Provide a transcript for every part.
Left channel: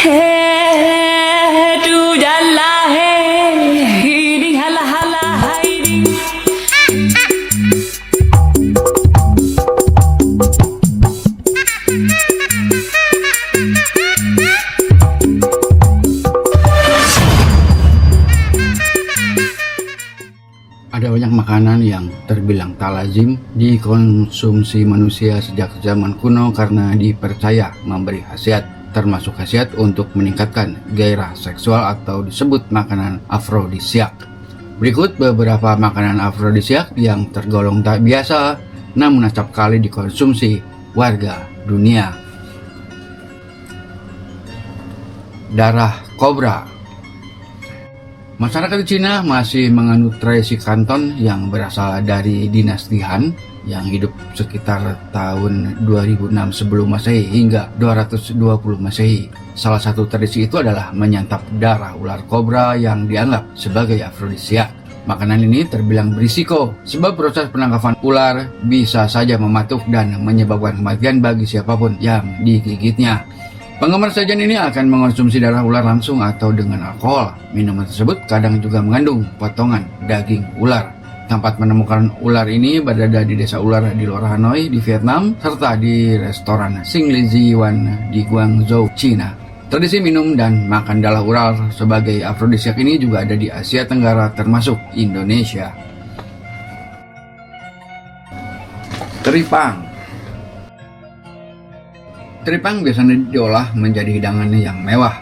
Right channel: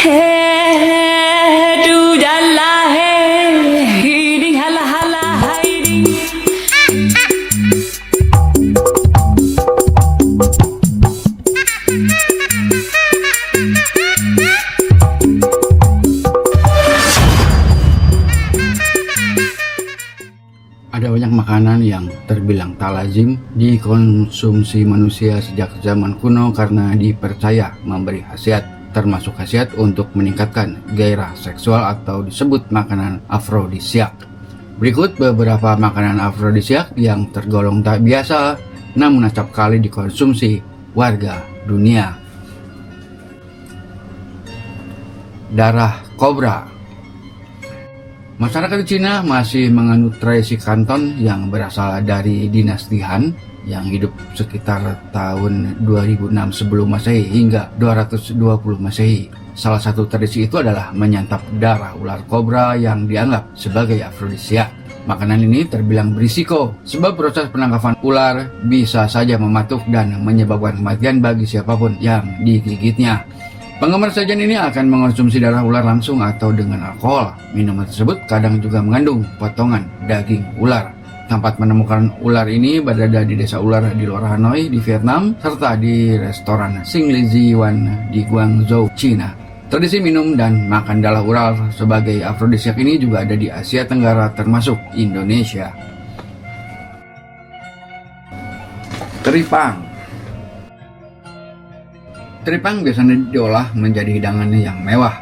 Hey, do ya la hey, hiding hala hala hiding. Ada banyak makanan yang terbilang tak lazim dikonsumsi manusia sejak zaman kuno karena dipercaya memberi khasiat, termasuk khasiat untuk meningkatkan gairah seksual atau disebut makanan afrodisiak. Berikut beberapa makanan afrodisiak yang tergolong tak biasa namun acap kali dikonsumsi warga dunia. Darah kobra. Masyarakat Cina masih menganut tradisi Kanton yang berasal dari dinasti Han yang hidup sekitar tahun 2006 sebelum Masehi hingga 220 Masehi. Salah satu tradisi itu adalah menyantap darah ular kobra yang dianggap sebagai afrodisiak. Makanan ini terbilang berisiko sebab proses penangkapan ular bisa saja mematuk dan menyebabkan kematian bagi siapapun yang digigitnya. Penggemar sajian ini akan mengonsumsi darah ular langsung atau dengan alkohol. Minuman tersebut kadang juga mengandung potongan daging ular. Tempat menemukan ular ini berada di desa ular di luar Hanoi di Vietnam serta di restoran Xing Li Wan di Guangzhou, China. Tradisi minum dan makan darah ular sebagai afrodisiak ini juga ada di Asia Tenggara termasuk Indonesia. Teripang. Teripang biasanya diolah menjadi hidangan yang mewah.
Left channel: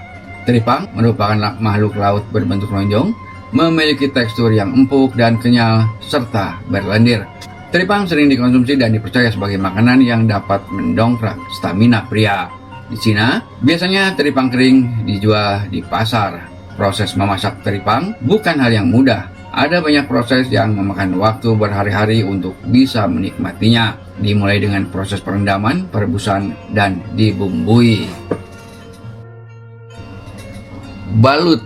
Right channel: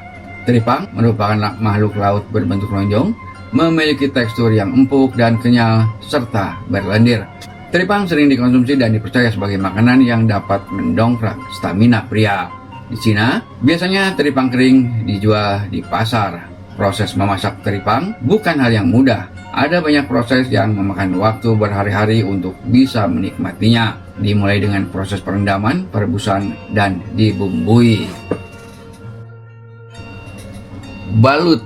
Teripang merupakan makhluk laut berbentuk lonjong, memiliki tekstur yang empuk dan kenyal, serta berlendir. Teripang sering dikonsumsi dan dipercaya sebagai makanan yang dapat mendongkrak stamina pria. Di Cina, biasanya teripang kering dijual di pasar. Proses memasak teripang bukan hal yang mudah. Ada banyak proses yang memakan waktu berhari-hari untuk bisa menikmatinya. Dimulai dengan proses perendaman, perebusan, dan dibumbui. Balut.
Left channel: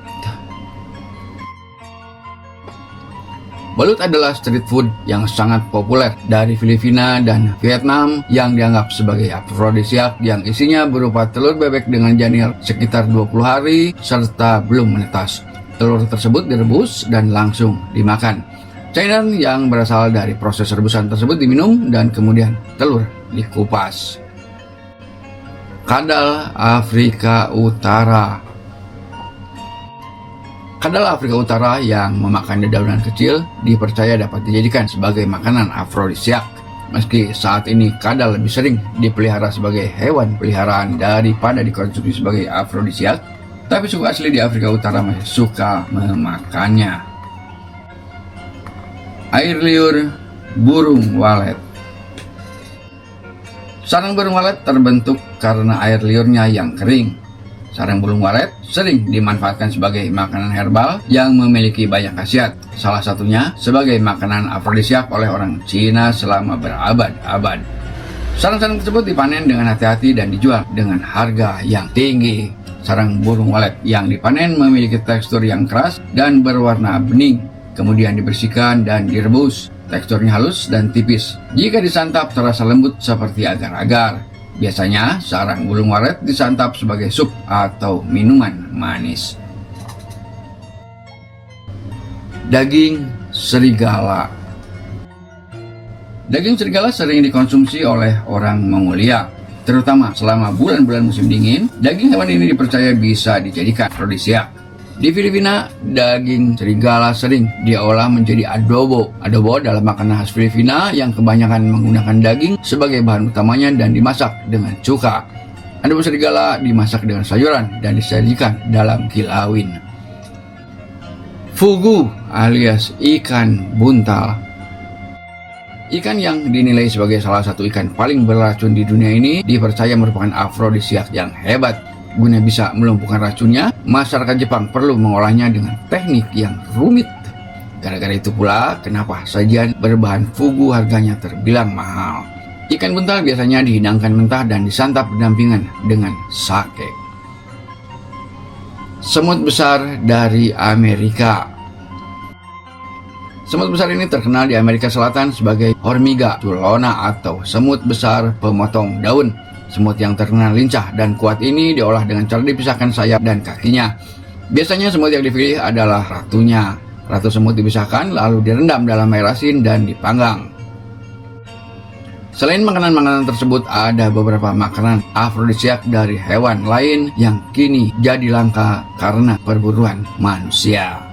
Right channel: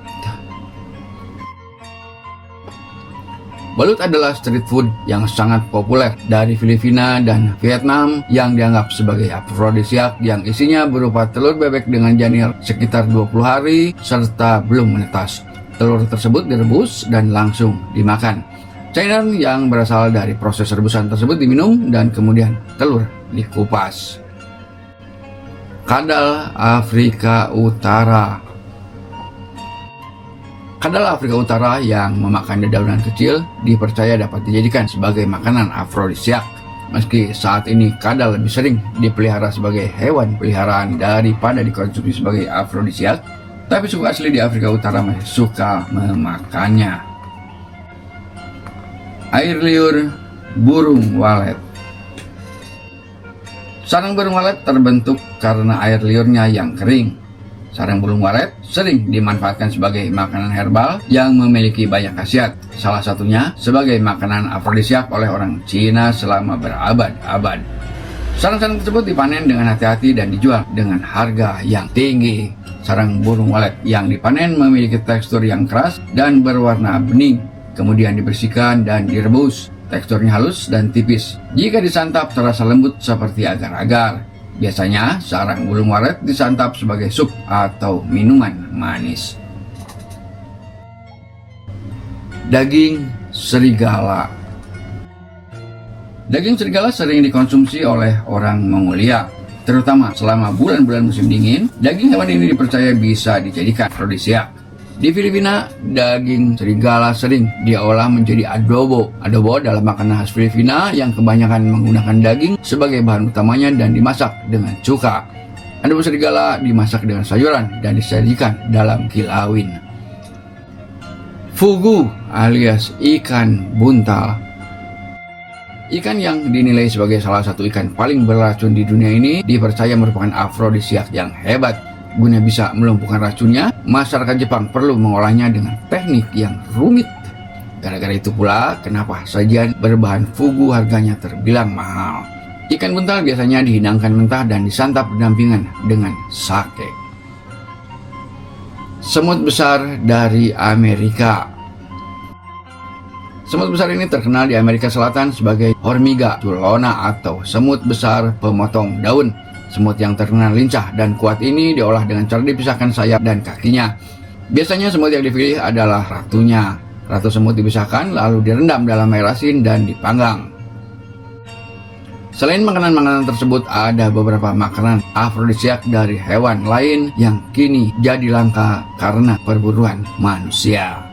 Balut adalah street food yang sangat populer dari Filipina dan Vietnam yang dianggap sebagai afrodisiak yang isinya berupa telur bebek dengan janir sekitar 20 hari serta belum menetas. Telur tersebut direbus dan langsung dimakan. Cairan yang berasal dari proses rebusan tersebut diminum dan kemudian telur dikupas. Kadal Afrika Utara. Kadal Afrika Utara yang memakan dedaunan kecil dipercaya dapat dijadikan sebagai makanan afrodisiak. Meski saat ini kadal lebih sering dipelihara sebagai hewan peliharaan daripada dikonsumsi sebagai afrodisiak, tapi suku asli di Afrika Utara masih suka memakannya. Air liur burung walet. Sarang burung walet terbentuk karena air liurnya yang kering. Sarang burung walet sering dimanfaatkan sebagai makanan herbal yang memiliki banyak khasiat. Salah satunya sebagai makanan afrodisiak oleh orang Cina selama berabad-abad. Sarang-sarang tersebut dipanen dengan hati-hati dan dijual dengan harga yang tinggi. Sarang burung walet yang dipanen memiliki tekstur yang keras dan berwarna bening. Kemudian dibersihkan dan direbus. Teksturnya halus dan tipis. Jika disantap terasa lembut seperti agar-agar. Biasanya sarang burung walet disantap sebagai sup atau minuman manis. Daging serigala. Daging serigala sering dikonsumsi oleh orang Mongolia, terutama selama bulan-bulan musim dingin. Daging hewan ini dipercaya bisa dijadikan afrodisiak. Di Filipina, daging serigala sering diolah menjadi adobo. Adobo adalah makanan khas Filipina yang kebanyakan menggunakan daging sebagai bahan utamanya dan dimasak dengan cuka. Adobo serigala dimasak dengan sayuran dan disajikan dalam kilawin. Fugu alias ikan buntal. Ikan yang dinilai sebagai salah satu ikan paling beracun di dunia ini dipercaya merupakan afrodisiak yang hebat. Guna bisa melumpuhkan racunnya, masyarakat Jepang perlu mengolahnya dengan teknik yang rumit. Gara-gara itu pula, kenapa sajian berbahan fugu harganya terbilang mahal. Ikan buntal biasanya dihidangkan mentah dan disantap berdampingan dengan sake. Semut besar dari Amerika. Semut besar ini terkenal di Amerika Selatan sebagai Hormiga tulona atau semut besar pemotong daun. Semut yang terkenal lincah dan kuat ini diolah dengan cara dipisahkan sayap dan kakinya. Biasanya semut yang dipilih adalah ratunya. Ratu semut dipisahkan lalu direndam dalam air asin dan dipanggang. Selain makanan-makanan tersebut, ada beberapa makanan afrodisiak dari hewan lain yang kini jadi langka karena perburuan manusia.